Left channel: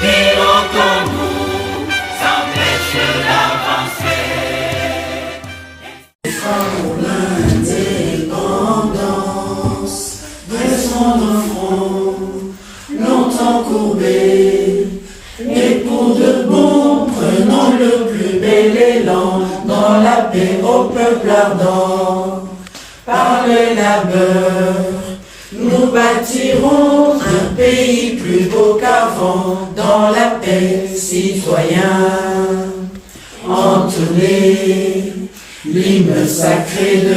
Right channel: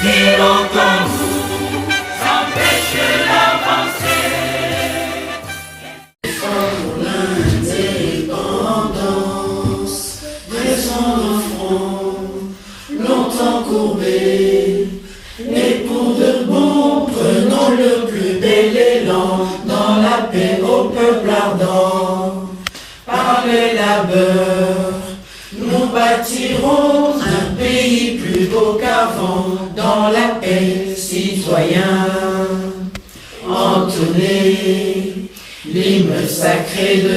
qui longtemps nous empêche d'avancer. L'indépendance, descend nos fronts, longtemps courbés, mais pour de bon, prenons le plus bel élan, dans la paix au peuple ardent. Par le labeur, nous bâtirons un pays plus beau qu'avant, dans la paix, citoyens. Entonnez l'hymne sacré de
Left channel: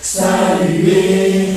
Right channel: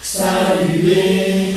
saluer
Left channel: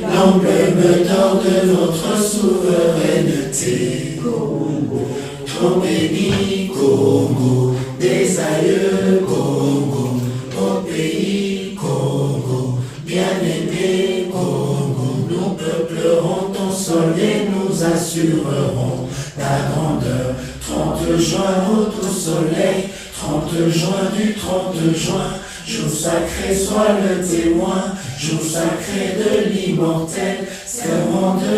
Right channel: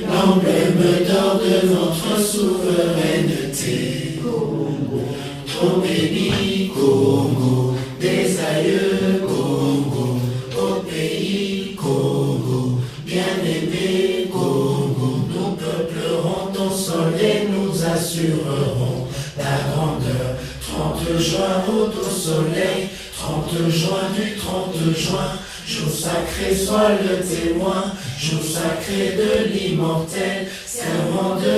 l'emblème d'or de notre souveraineté. Congo, ton béni, Congo, des aïeux, Congo, ton pays, Congo, bien-aimé, Congo, nous peuplerons ton sol et nous assurerons ta grandeur. 30 juin, route au soleil, 30 juin du 30 juin, jour sacré soit le témoin, jour sacré de l'immortel, serment de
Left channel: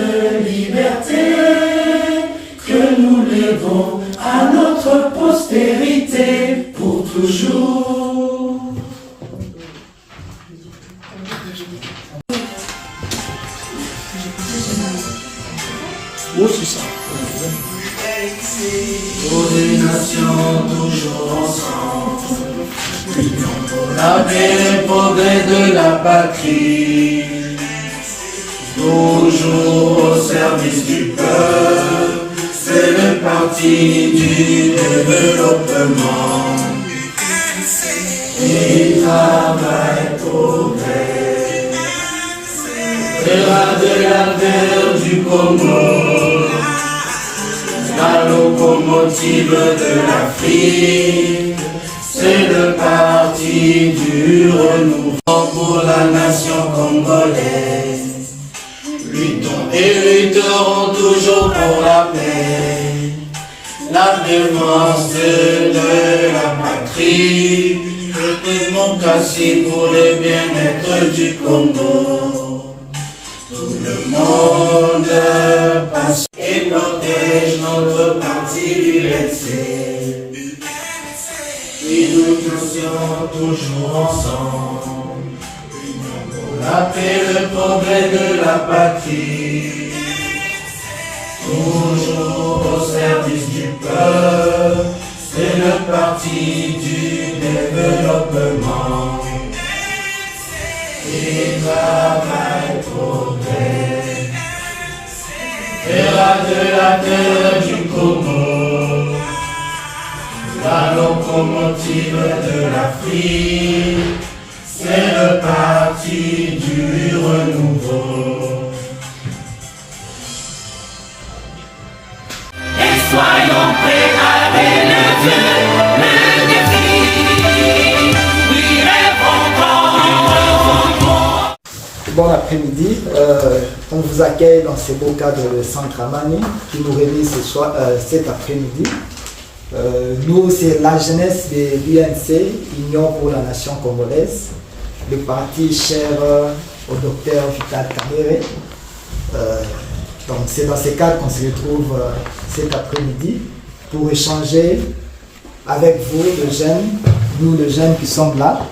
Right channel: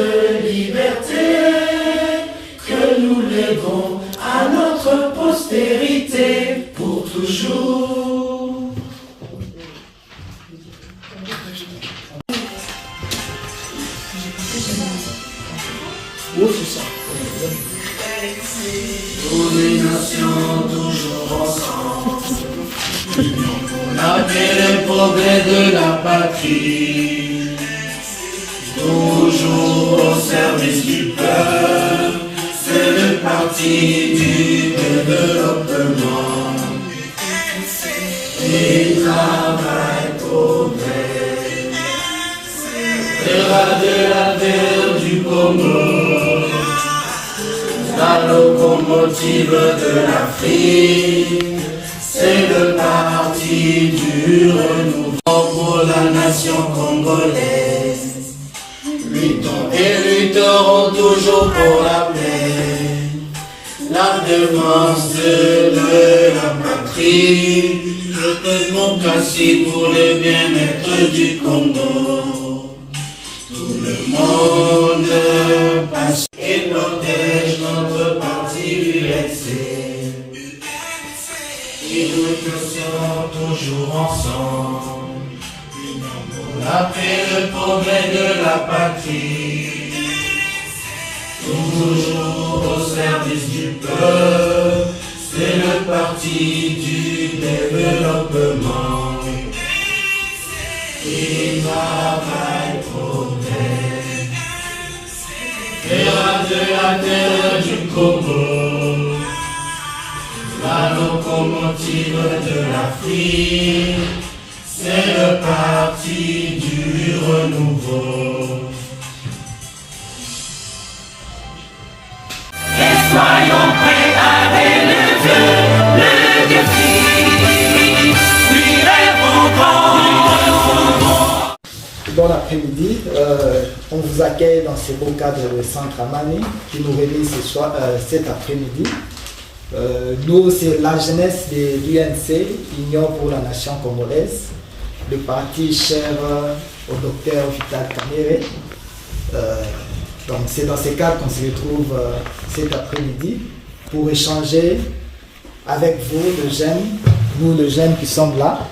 liberté, que nous léguons à notre postérité pour toujours. Oui, c'est ça. Pour les nations toujours ensemble, union pour la paix et le progrès de la patrie, toujours au service du peuple, c'est le parti du développement. Et travail, progrès, fera de la terre du Congo la locomotive de l'Afrique, c'est le parti du renouveau pour la nation congolaise. Luttons et lutterons toujours pour la paix, la défense de la patrie, le démocratie pour le bien-être du Congo. Tout le monde passe et protège notre parti UNC. Et nous sommes toujours ensemble, union pour la paix, le progrès de la patrie, toujours au service du peuple, c'est le parti du développement. Et travail, progrès, fera de la terre du Congo la locomotive de l'Afrique, c'est le parti du renouveau. Et soyons prêts à relever le défi. Bon après-midi, on vous accueille dans ces beaux cadres de Centre Amani qui nous réunit cet après-midi. Nous, c'est la jeunesse de l'UNC, Union pour la Nation Congolaise, le parti cher au docteur Vital Kamerhe. Donc c'est dans ces cadres qu'on se retrouve cet après-midi pour échanger avec vous, les jeunes, nous les jeunes qui sommes là,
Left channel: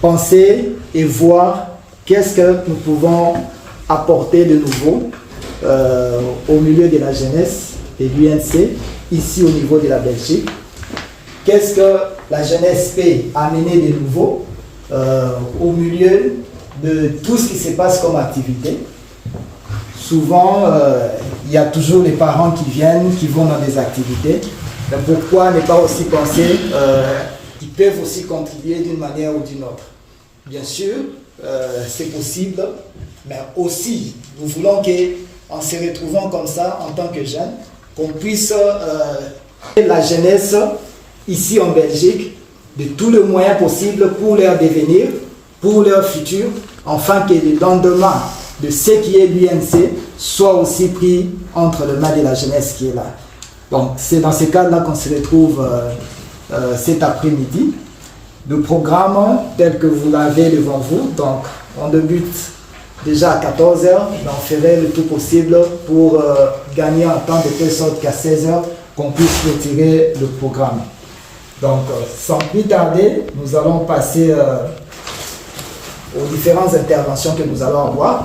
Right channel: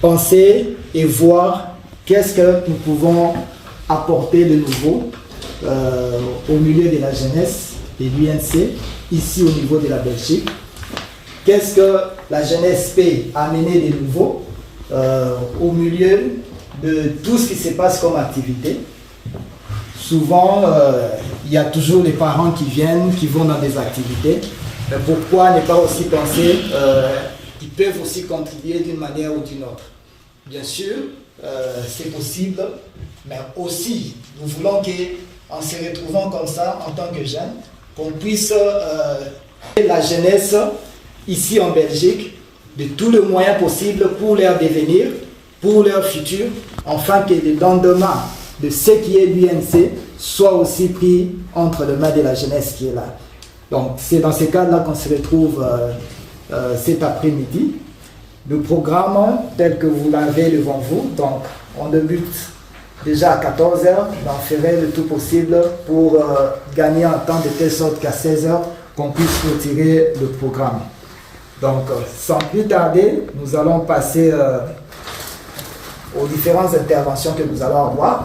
penser et voir qu'est-ce que nous pouvons apporter de nouveau au milieu de la jeunesse de l'UNC, ici au niveau de la Belgique. Qu'est-ce que la jeunesse peut amener de nouveau au milieu de tout ce qui se passe comme activité. Souvent, il y a toujours les parents qui viennent, qui vont dans des activités. Mais pourquoi ne pas aussi penser qu'ils peuvent aussi contribuer d'une manière ou d'une autre? Bien sûr, c'est possible, mais aussi, nous voulons qu'en se retrouvant comme ça, en tant que jeunes, qu'on puisse, la jeunesse, ici en Belgique, de tous les moyens possibles pour leur devenir, pour leur futur, afin que le lendemain de ce qui est l'UNC soit aussi pris entre les mains de la jeunesse qui est là. Donc, c'est dans ces cas-là qu'on se retrouve cet après-midi. Le programme tel que vous l'avez devant vous, donc on débute déjà à 14 heures, mais on ferait le tout possible pour gagner un temps de telle sorte qu'à 16 heures, qu'on puisse retirer le programme. Donc, sans plus tarder, nous allons passer aux différentes interventions que nous allons avoir.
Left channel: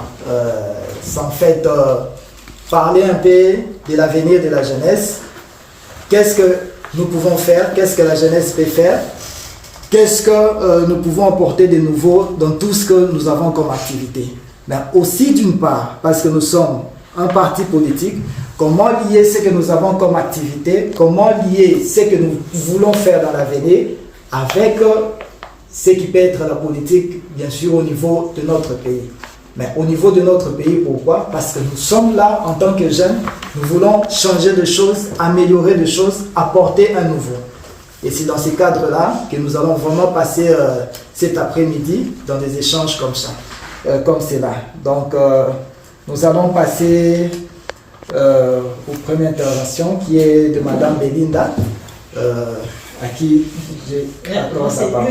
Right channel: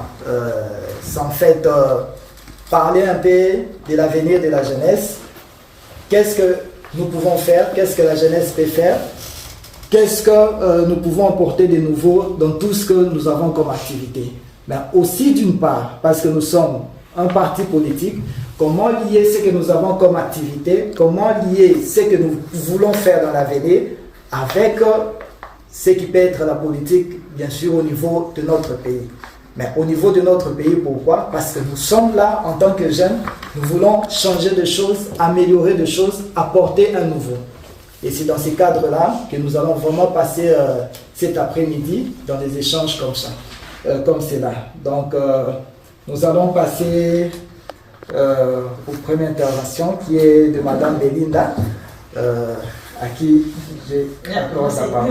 Sans fait parler un peu de l'avenir de la jeunesse. Qu'est-ce que nous pouvons faire? Qu'est-ce que la jeunesse peut faire? Qu'est-ce que nous pouvons apporter de nouveau dans tout ce que nous avons comme activité? Mais aussi d'une part, parce que nous sommes un parti politique, comment lier ce que nous avons comme activité, comment lier ce que nous voulons faire dans l'avenir avec ce qui peut être la politique, bien sûr, au niveau de notre pays. Mais au niveau de notre pays, pourquoi? Parce que nous sommes là en tant que jeunes, nous voulons changer de choses, améliorer des choses, apporter un nouveau. Et c'est dans ces cadres-là que nous allons vraiment passer cet après-midi dans des échanges comme ça, comme cela. Donc, nous allons passer aux premières interventions qui est de Madame Belinda, à qui j'ai accordé la parole.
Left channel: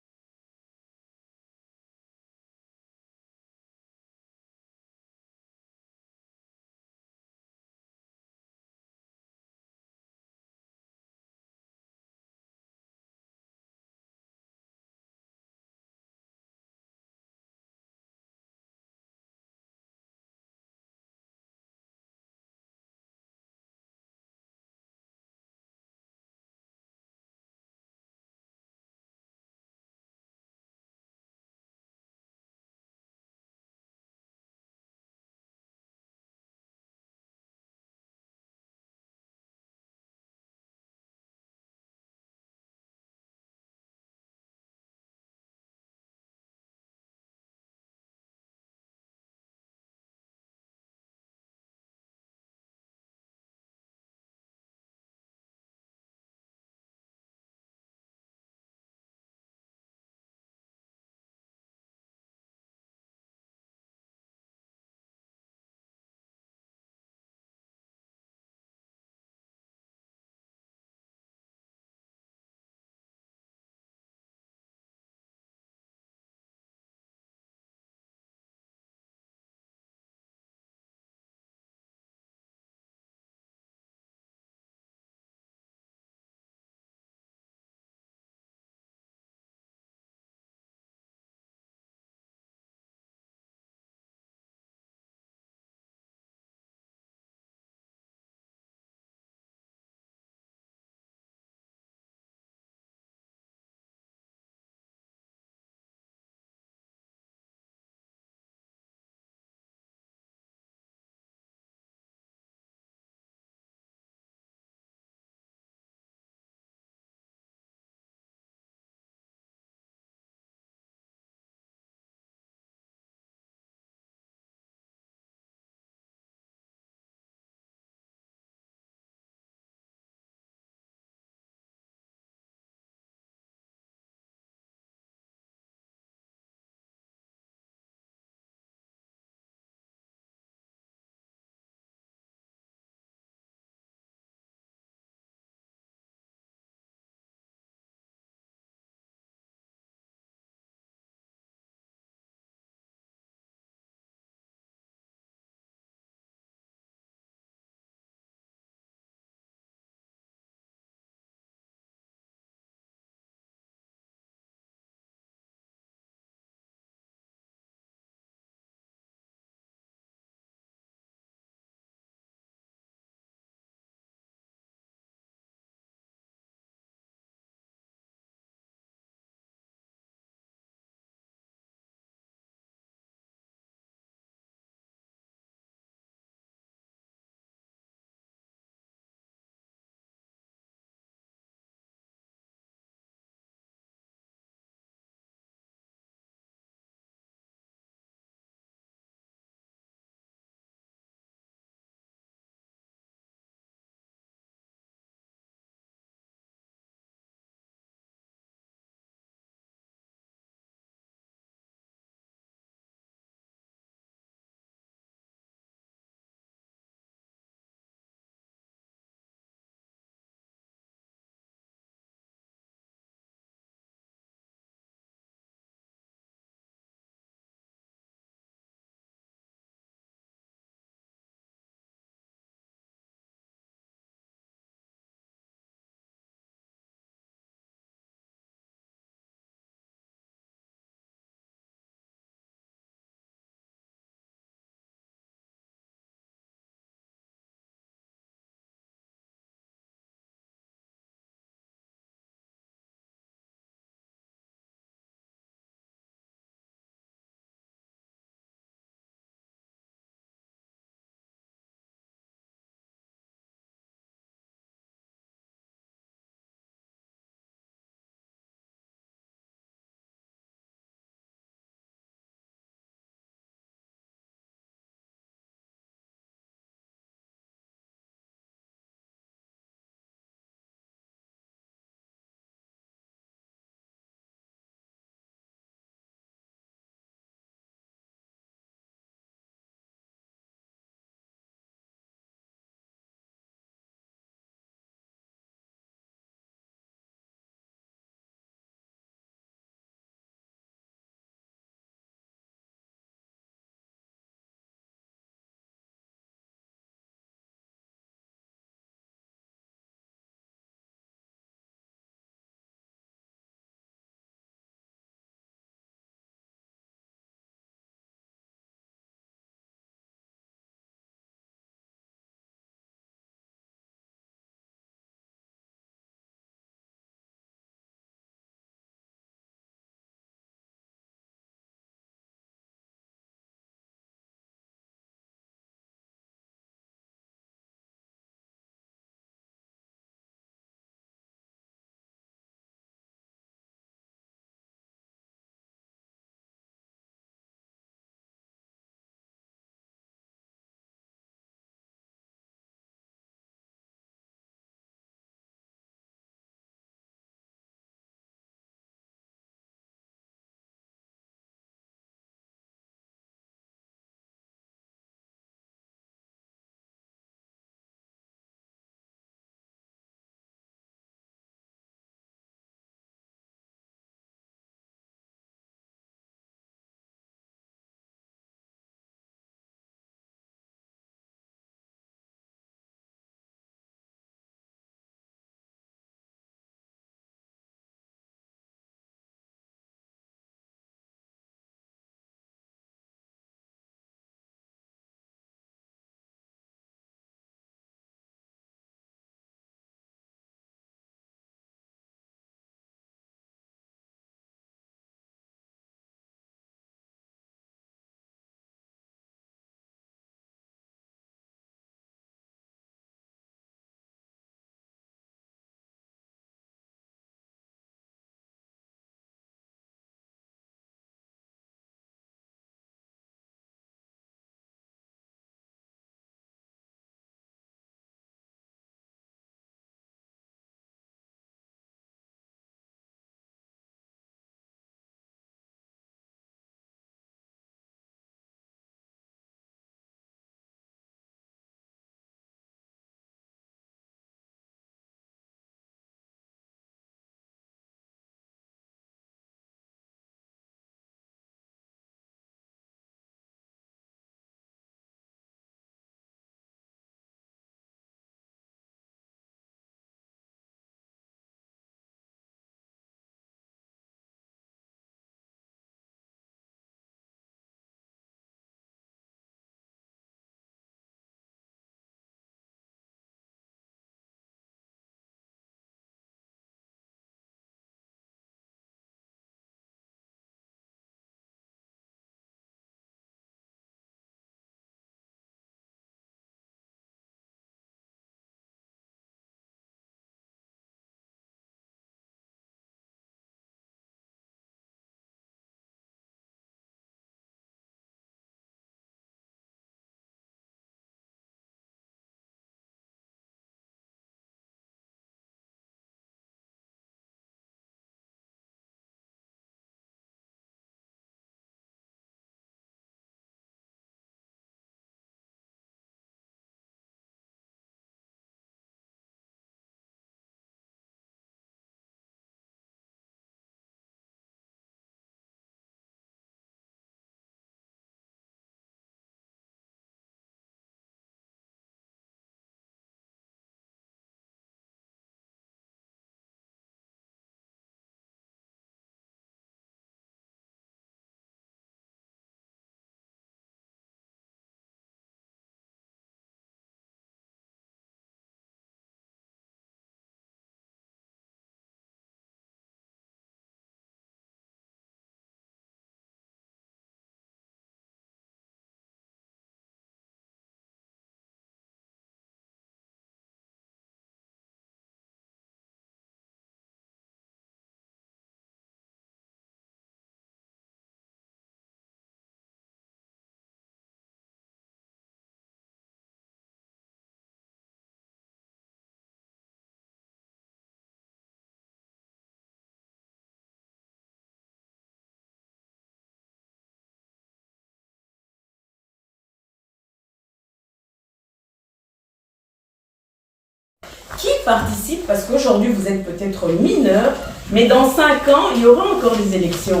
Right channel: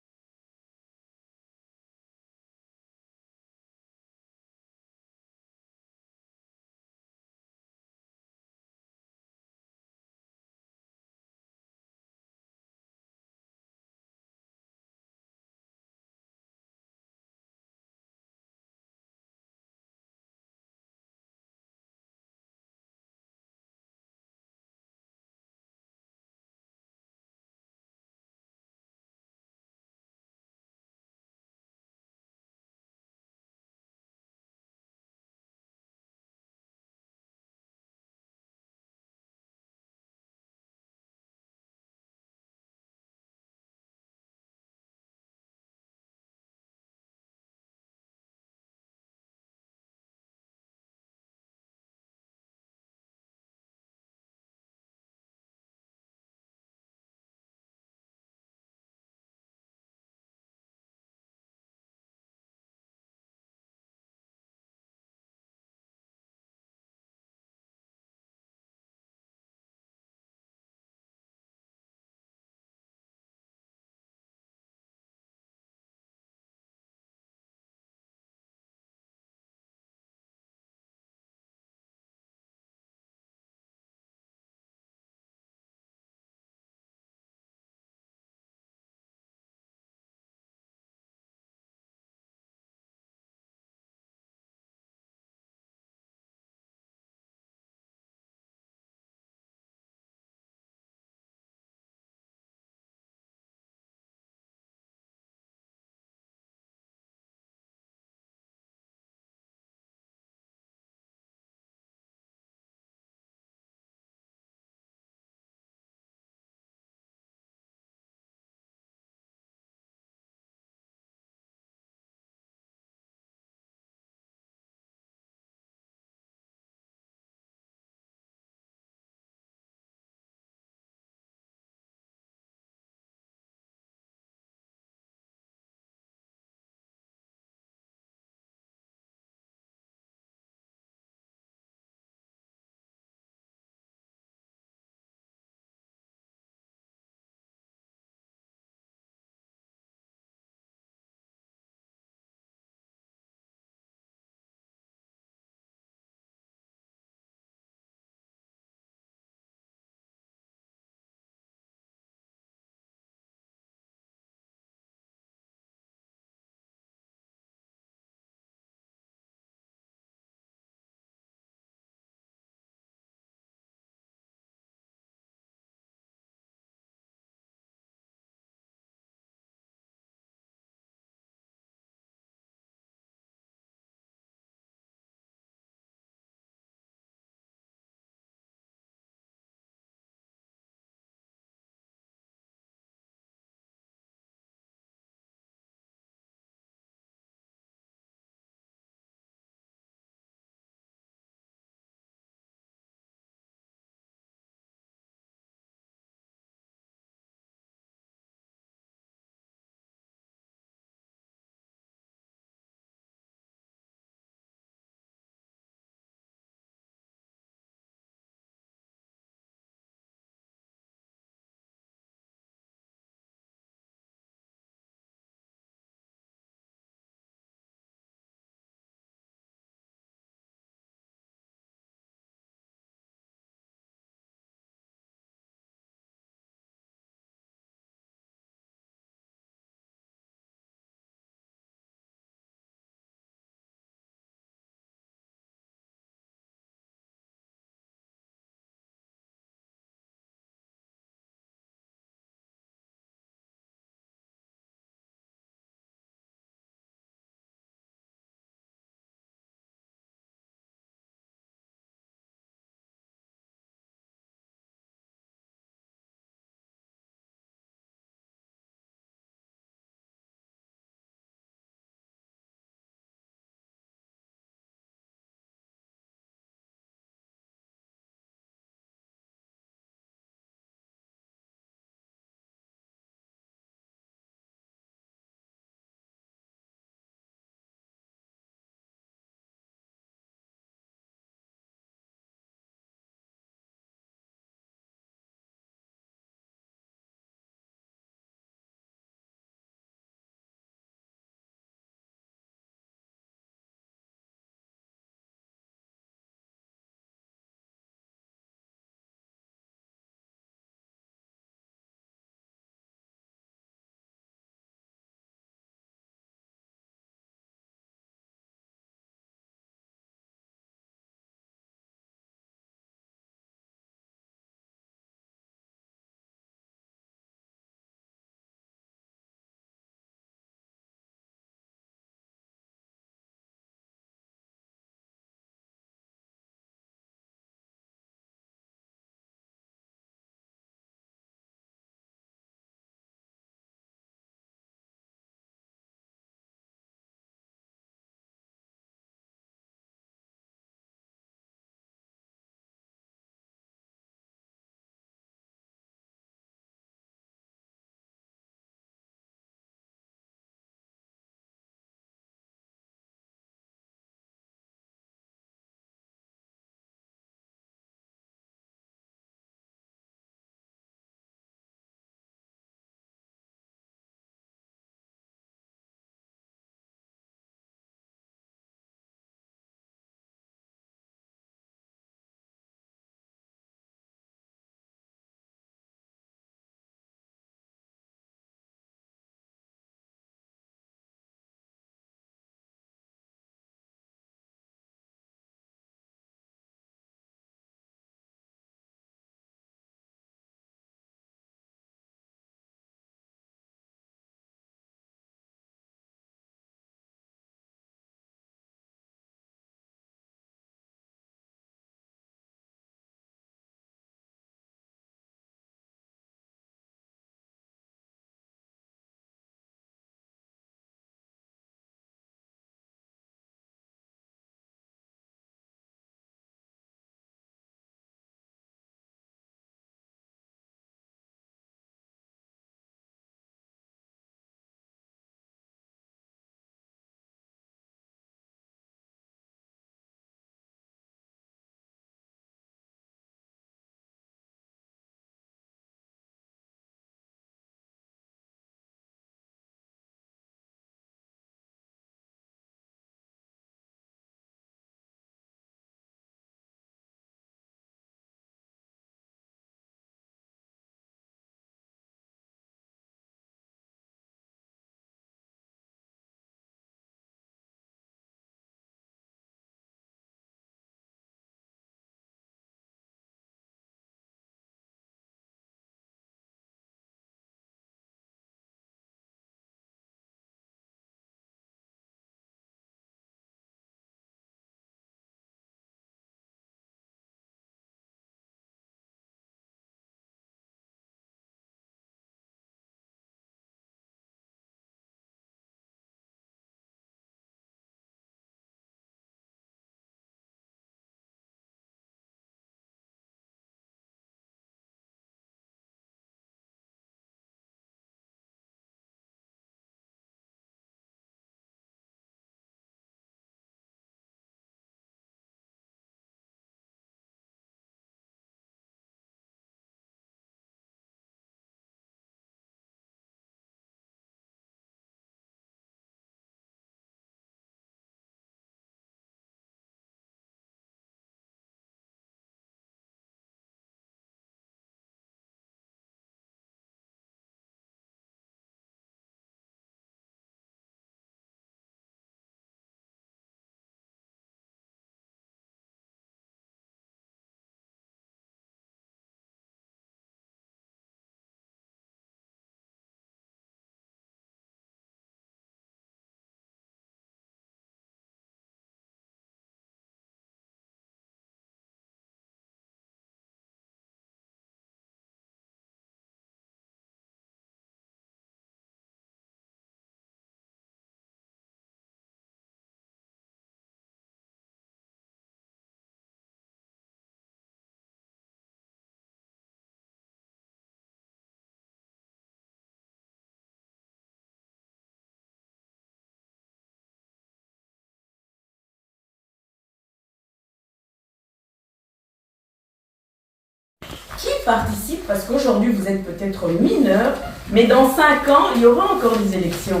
participent, parce qu'aujourd'hui vous êtes peut-être mineurs, mais dans 5 ans, il y aura encore des élections.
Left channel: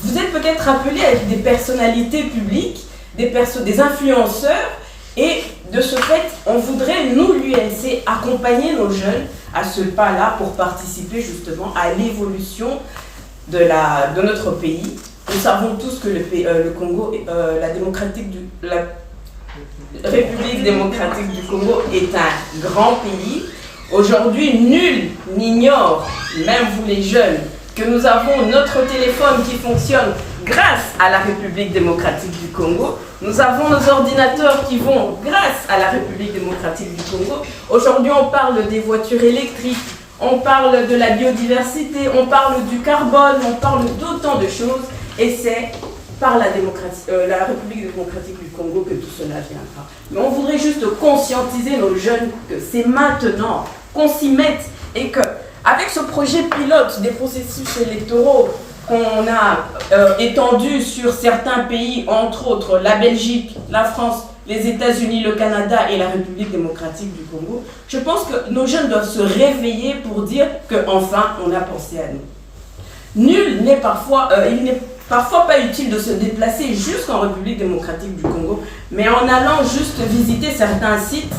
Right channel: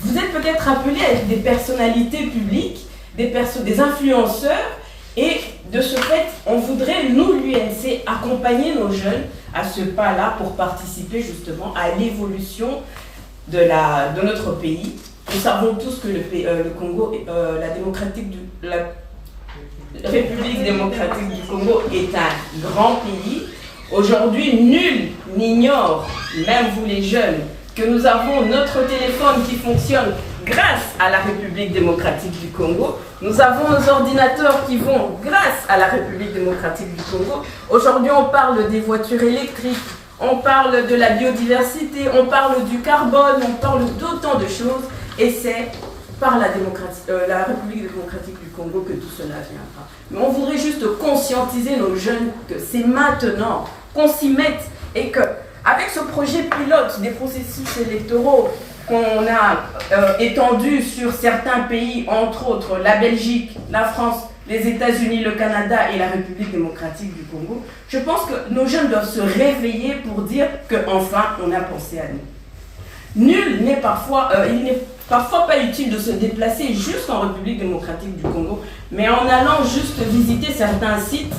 Vous êtes peut-être appelés à être des personnalités publiques, des influenceurs, et de ce fait, on voudrait, nous, l'UNC, accompagner nos jeunes à ce pas-là pour participer justement à l'évolution de notre pays. Nous savons tous que le Congo, la République démocratique du Congo est un grand pays. Aujourd'hui, nul n'ignore, même vous les jeunes, que nous avons notre téléphone qui fonctionne grâce à la République démocratique du Congo. Nous avons nos ordinateurs qui vont grâce à la République démocratique du Congo. Aujourd'hui, on parle des voitures électriques, on parle de la biodiversité, on parle du carbone, on parle d'autant de choses. Et c'est par la République démocratique du Congo que tout cela viendra. Mais on voudrait juste conscientiser nos jeunes que c'est maintenant qu'on s'y mette et que, avec ce projet pilote des processus électoraux qu'on a étendu sur certains pays, entre autres la Belgique, la France, les États-Unis, le Canada et la République démocratique du Congo, je pense que nos jeunes doivent se réveiller pour dire qu'enfin on a pensé à nous. Il n'est parfois pas utile de se déplacer jusqu'en République démocratique du Congo, mais en allant juste visiter certains sites,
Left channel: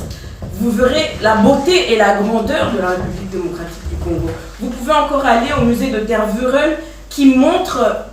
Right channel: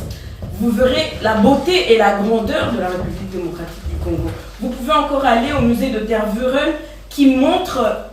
vous verrez la beauté et la grandeur de la République démocratique du Congo. Vous pouvez encore aller au musée de Tervuren qui montre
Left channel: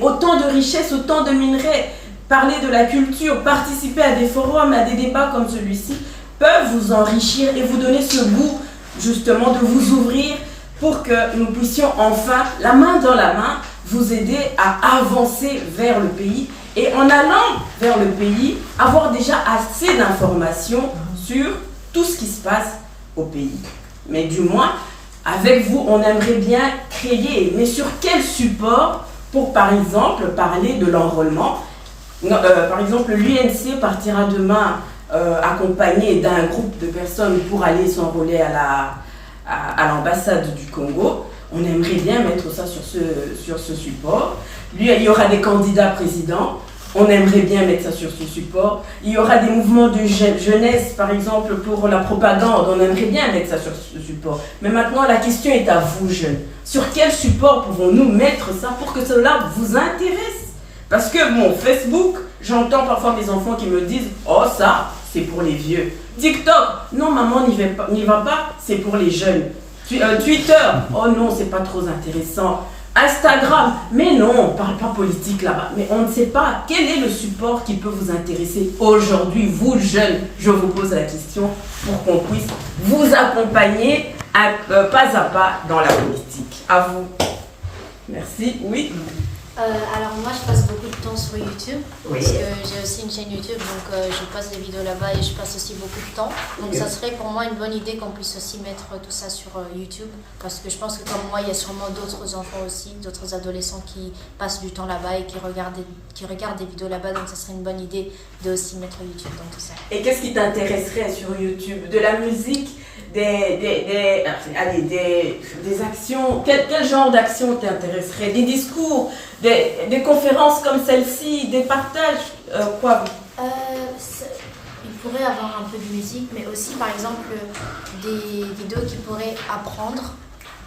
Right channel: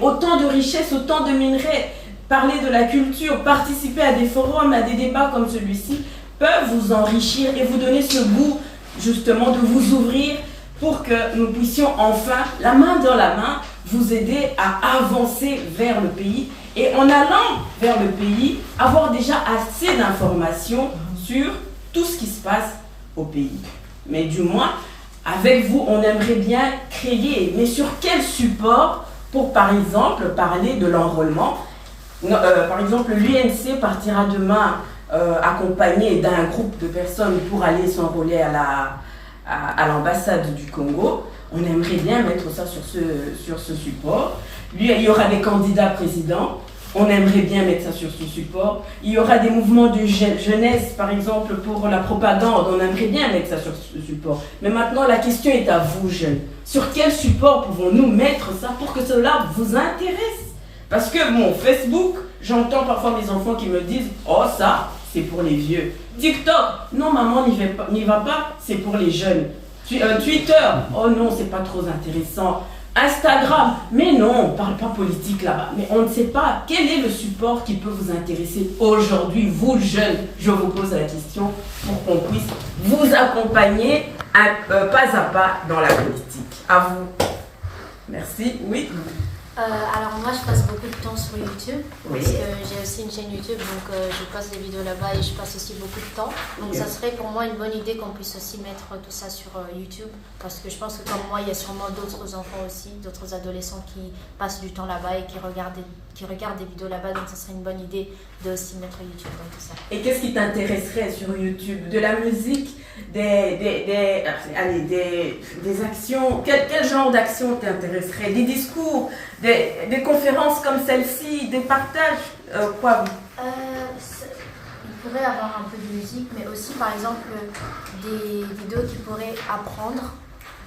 autant de richesses, autant de minerais, parler de la culture, participer à des forums, à des débats comme celui-ci, peuvent vous enrichir et vous donner ce goût justement de vous ouvrir pour que nous puissions enfin, la main dans la main, vous aider à avancer vers le pays et en allant vers le pays, avoir déjà assez d'informations sur tout ce qui se passe au pays. Mais du moins, avec vous, on aimerait bien créer, mais sur quel support pour, par exemple, parler de l'enrôlement. Par exemple, l'UNC partira demain accompagné d'un groupe de personnes pour aller s'enrôler à l'ambassade du Congo. On aimerait bien mettre ça sur ce support. Il y aura des candidats présidents. On aimerait bien mettre ça sur ce support. Il y aura des mouvements de jeunesse, par exemple, pour la propagande. On aimerait bien mettre ça sur ce support. Mais maintenant, la question est à vous, jeunes. Sur quel support pouvons-nous mettre ça pour que cela vous intéresse? Parce que, bon, Facebook, j'entends parfois mes enfants qui me disent « Oh, ça, c'est pour les vieux. » TikTok, non, maman, n'y va pas, c'est pour les jeunes. Twitter, oh non, c'est pas trop intéressant. Instagram, mais non, on ne parle pas politique là-bas. Mais on ne sait pas quel est le support qui peut vous intéresser aujourd'hui, vous jeunes. Je vous pose la question pour qu'on puisse vous accompagner pas à pas dans la politique. À vous. Merci. Oui. Alors moi je passe beaucoup de temps sur YouTube, Oui. parce que j'ai aussi une chaîne YouTube, donc je passe des vidéos là-bas et je passe aussi beaucoup de temps. Donc ça serait pour moi une bonne idée qu'on puisse aussi mettre tout ça sur YouTube, parce que je pense que comme moi il y a sûrement d'autres enfants aussi, d'autres adolescents qui passent du temps là-bas et qui regardent des vidéos là-bas, donc ça serait une bonne idée de aussi mettre YouTube dans tout ça. Et qu'est-ce qui t'intéresserait sur YouTube? De la musique, des actions? Quel genre d'action t'intéresserait? Des discours, des conférences comme celle-ci, des partages, quoi? Il pourrait avoir un peu de musique, mais aussi par exemple des vidéos qui pourraient apprendre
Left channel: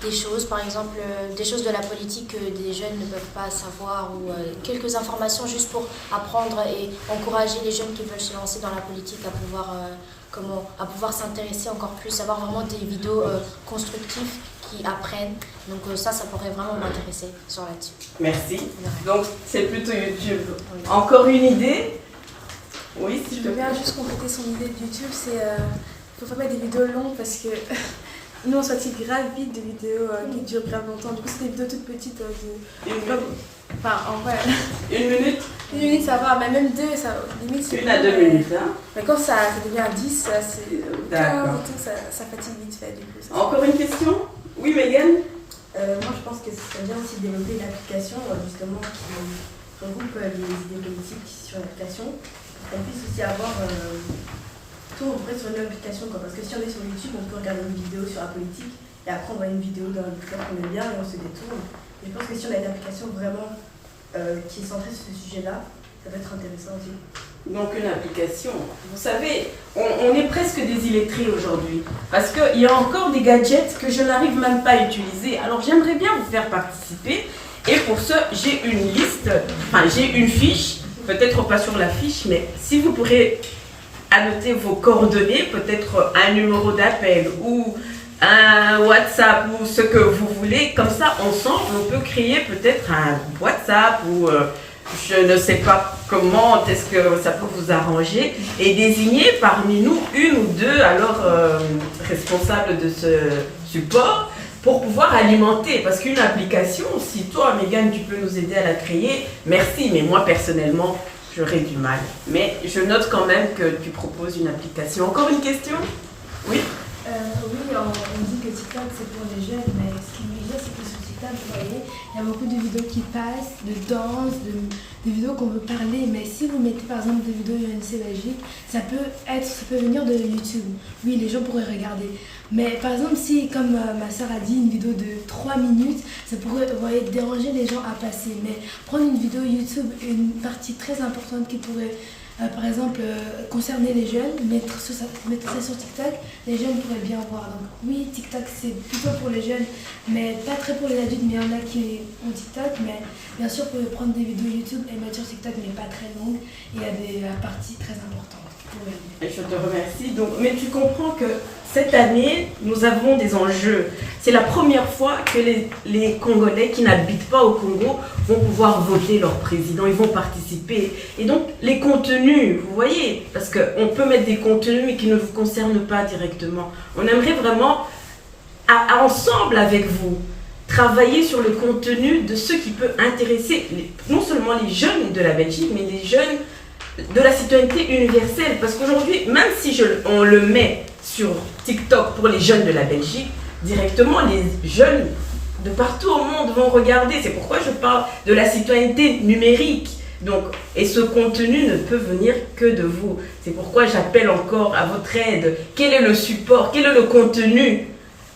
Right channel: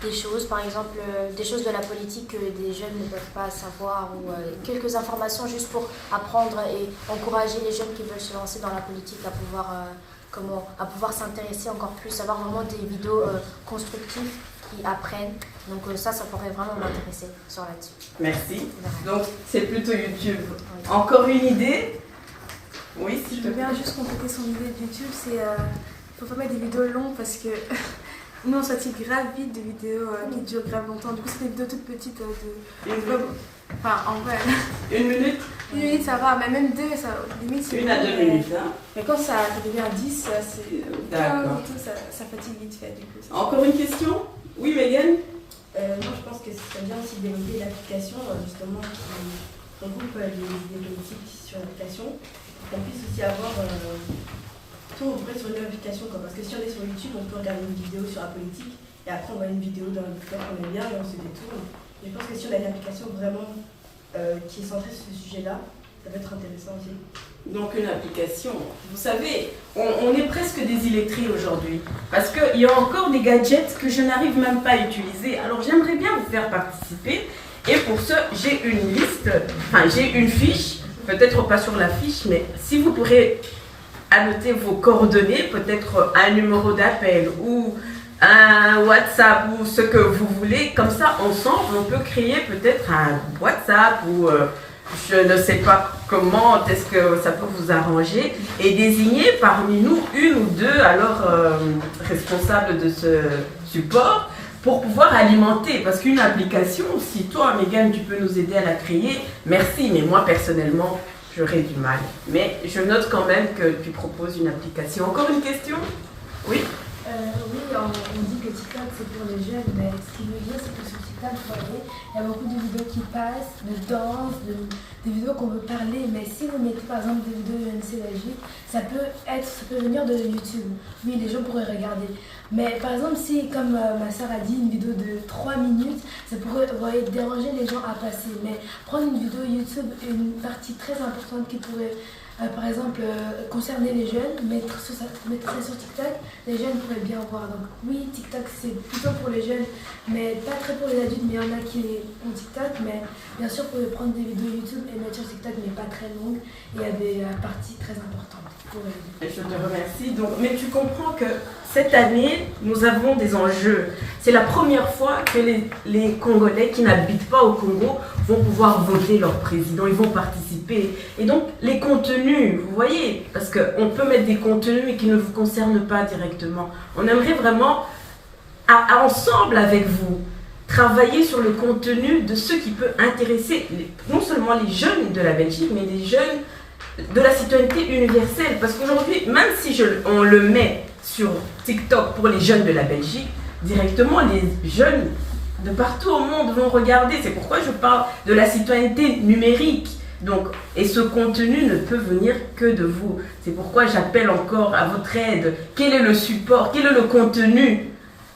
des choses, par exemple des choses de la politique que des jeunes ne peuvent pas savoir, ou quelques informations juste pour apprendre et encourager les jeunes qui veulent se lancer dans la politique à pouvoir s'intéresser encore plus, avoir vraiment des vidéos constructives qui apprennent. Donc ça pourrait vraiment m'intéresser sur là-dessus. Merci. Donc c'est plutôt YouTube. Oui. Encore une idée? Oui, si je veux bien juste compléter son idée de YouTube, c'est faut pas mettre des vidéos longues parce que nous on fatigue grave vite des vidéos qui durent grave longtemps. Du coup c'est des vidéos toutes petites enfin en vrai. Une minute? Une minute ça va, mais même deux, ça limite c'est 1 à 2 minutes. Hein? Mais quand ça devient 10, ça c'est 15 et tout, ça fatigue vite fait du coup. Encore une question? Oui, Megan? Moi, je pense que ce serait bien aussi de développer une application justement qui regroupe les idées politiques sur l'application. Elle puisse aussi avoir tout on pourrait sur une même application, quoi. Parce que si on est sur YouTube, on peut regarder une vidéo sur la politique et après on voit une vidéo d'un youtubeur qu'on aime bien et on se détourne. Et je pense que si on a une application vraiment qui est centrée sur ce sujet-là, ça peut être intéressant aussi. Donc une application, vous savez, on est presque des illettrés aujourd'hui parce qu'il y a encore des gadgets que je n'arrive même pas à utiliser. Alors j'aimerais bien vous faire participer et pour ce, j'ai une liste, enfin j'ai une fiche, peut-être pas sur la fiche, mais si vous pourrez annoter vos coordonnées, peut-être un numéro d'appel ou un WhatsApp ou ce que vous voulez, comme ça ensemble on peut créer peut-être un WhatsApp ou je ne sais pas comment est-ce que ça peut vous arranger et désigner parmi nous une ou deux alors responsables de ce support pour pouvoir alimenter, parce qu'une application, si toi Megan tu peux nous aider à la créer, merci, mais moi personnellement j'aurais du mal. Mais je note quand même que tu proposes une application. Encore une question? Oui. Oui, on dit que TikTok c'est pour les jeunes, mais ce qui veut dire c'est que sur TikTok, vous voyez, il y a beaucoup de vidéos qui passent, de danse, des vidéos qu'on veut parler, mais si vous mettez par exemple des vidéos UNC Belgique, ça peut venir de YouTube. Oui, les gens pourraient regarder. Mais par exemple, si, comme ma soeur a dit, une vidéo de 3 minutes, ça pourrait, vous voyez, déranger les gens à passer. Mais prendre une vidéo YouTube, une partie très importante qui pourrait par exemple, concerner les jeunes, mettre ça sur TikTok, les jeunes pourraient bien voir. Donc oui, TikTok c'est plutôt pour les jeunes, mais pas très pour les adultes, mais il y en a qui ont TikTok. Mais bien sûr, vous pouvez prendre des vidéos YouTube et mettre sur TikTok, mais pas très longues. Il y a des parties très importantes. Je te remercie. Donc, mais tu comprends que cette année, nous avons des enjeux. C'est la première fois que les Congolais qui n'habitent pas au Congo vont pouvoir voter leur président, ils vont participer. Et donc, les contenus, vous voyez, parce qu'on peut mettre des contenus qui ne vous concernent pas directement. On aimerait vraiment, ensemble avec vous, travailler sur le contenu de ce qui peut intéresser non seulement les jeunes de la Belgique, mais les jeunes de la citoyenneté universelle. Parce qu'aujourd'hui, même si on le met sur TikTok pour les jeunes de la Belgique, directement les jeunes de partout au monde vont regarder. C'est pourquoi je parle de la citoyenneté numérique. Donc, et ce contenu ne peut venir que de vous. C'est pourquoi j'appelle encore à votre aide. Quel est le support, quel est le contenu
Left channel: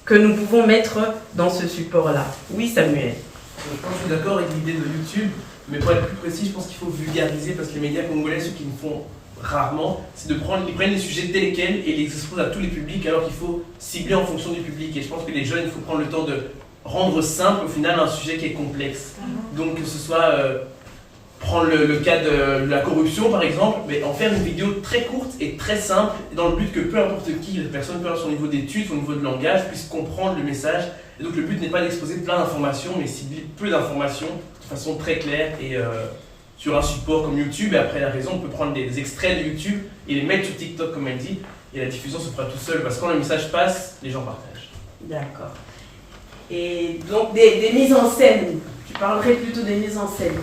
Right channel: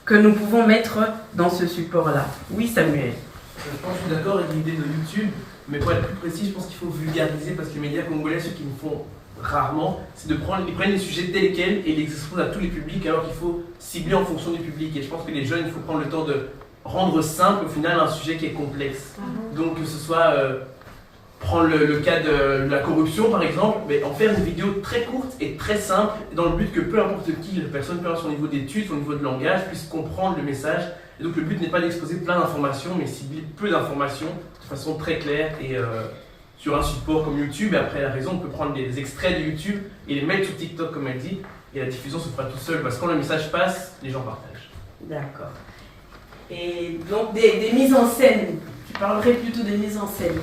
que nous pouvons mettre dans ce support-là? Oui, Samuel. Je suis d'accord avec l'idée de YouTube, mais pour être plus précis, je pense qu'il faut vulgariser parce que les médias congolais, ceux qui le font rarement, c'est ils prennent les sujets tels quels et les exposent à tous les publics alors qu'il faut cibler en fonction du public. Et je pense que les jeunes, il faut prendre le temps de rendre simple au final un sujet qui est complexe. Donc que ce soit prendre le cas de la corruption par exemple, mais en faire une vidéo très courte et très simple dans le but que peu importe qui, la personne, peu importe son niveau d'études, son niveau de langage, puisse comprendre le message. Et donc le but n'est pas d'exposer plein d'informations, mais cibler peu d'informations de façon très claire et sur un support comme YouTube. Et après la raison, on peut prendre des extraits de YouTube et les mettre sur TikTok comme elle dit, et la diffusion se fera tout seul parce que quand le message passe, les gens partagent. D'accord. Et donc des mises en scène, tu parlerais plutôt des mises en scène?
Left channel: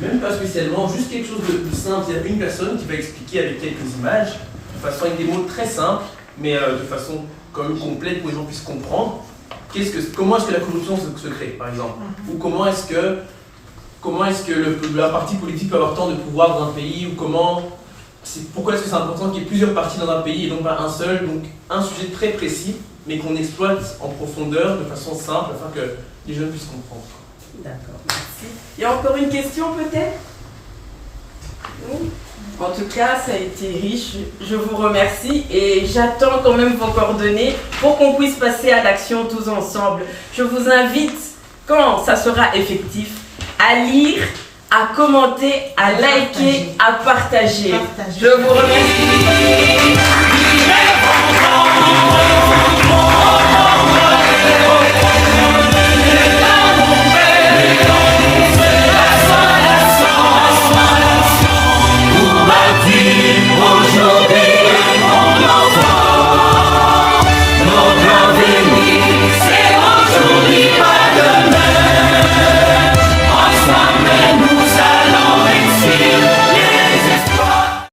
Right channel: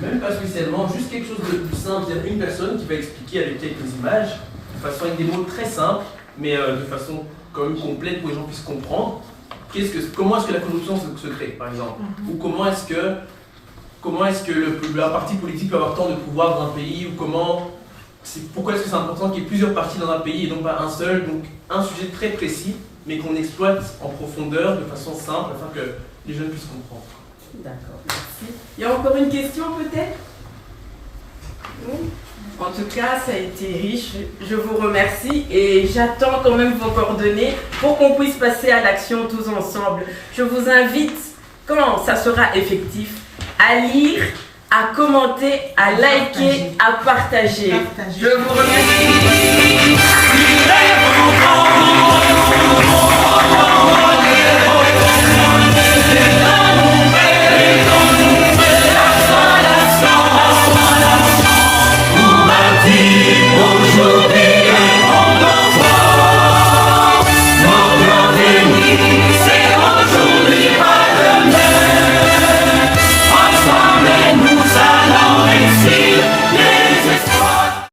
Même pas spécialement, juste quelque chose de simple, c'est-à-dire une personne qui va expliquer avec quelques images, de façon avec des mots très simples, mais de façon quand même complète pour que les gens puissent comprendre. Comment est-ce que la corruption se crée, par exemple? Ou comment est-ce que un parti politique peut avoir tant de pouvoir dans un pays? Ou pourquoi est-ce que c'est important qu'il y ait plusieurs partis dans un pays et donc pas un seul? Donc un sujet très précis, mais qu'on exploite en profondeur, de façon simple, afin que les jeunes puissent comprendre. D'accord, merci. Il y a encore une question peut-être? Oui. En tout cas, ça a été riche. Je vous remercie et j'attends quand même vos coordonnées pour qu'on puisse passer à l'action tous ensemble. Je vous invite, quand ça sera effectif, à lire, à commenter, à liker, à partager. Je vous remercie.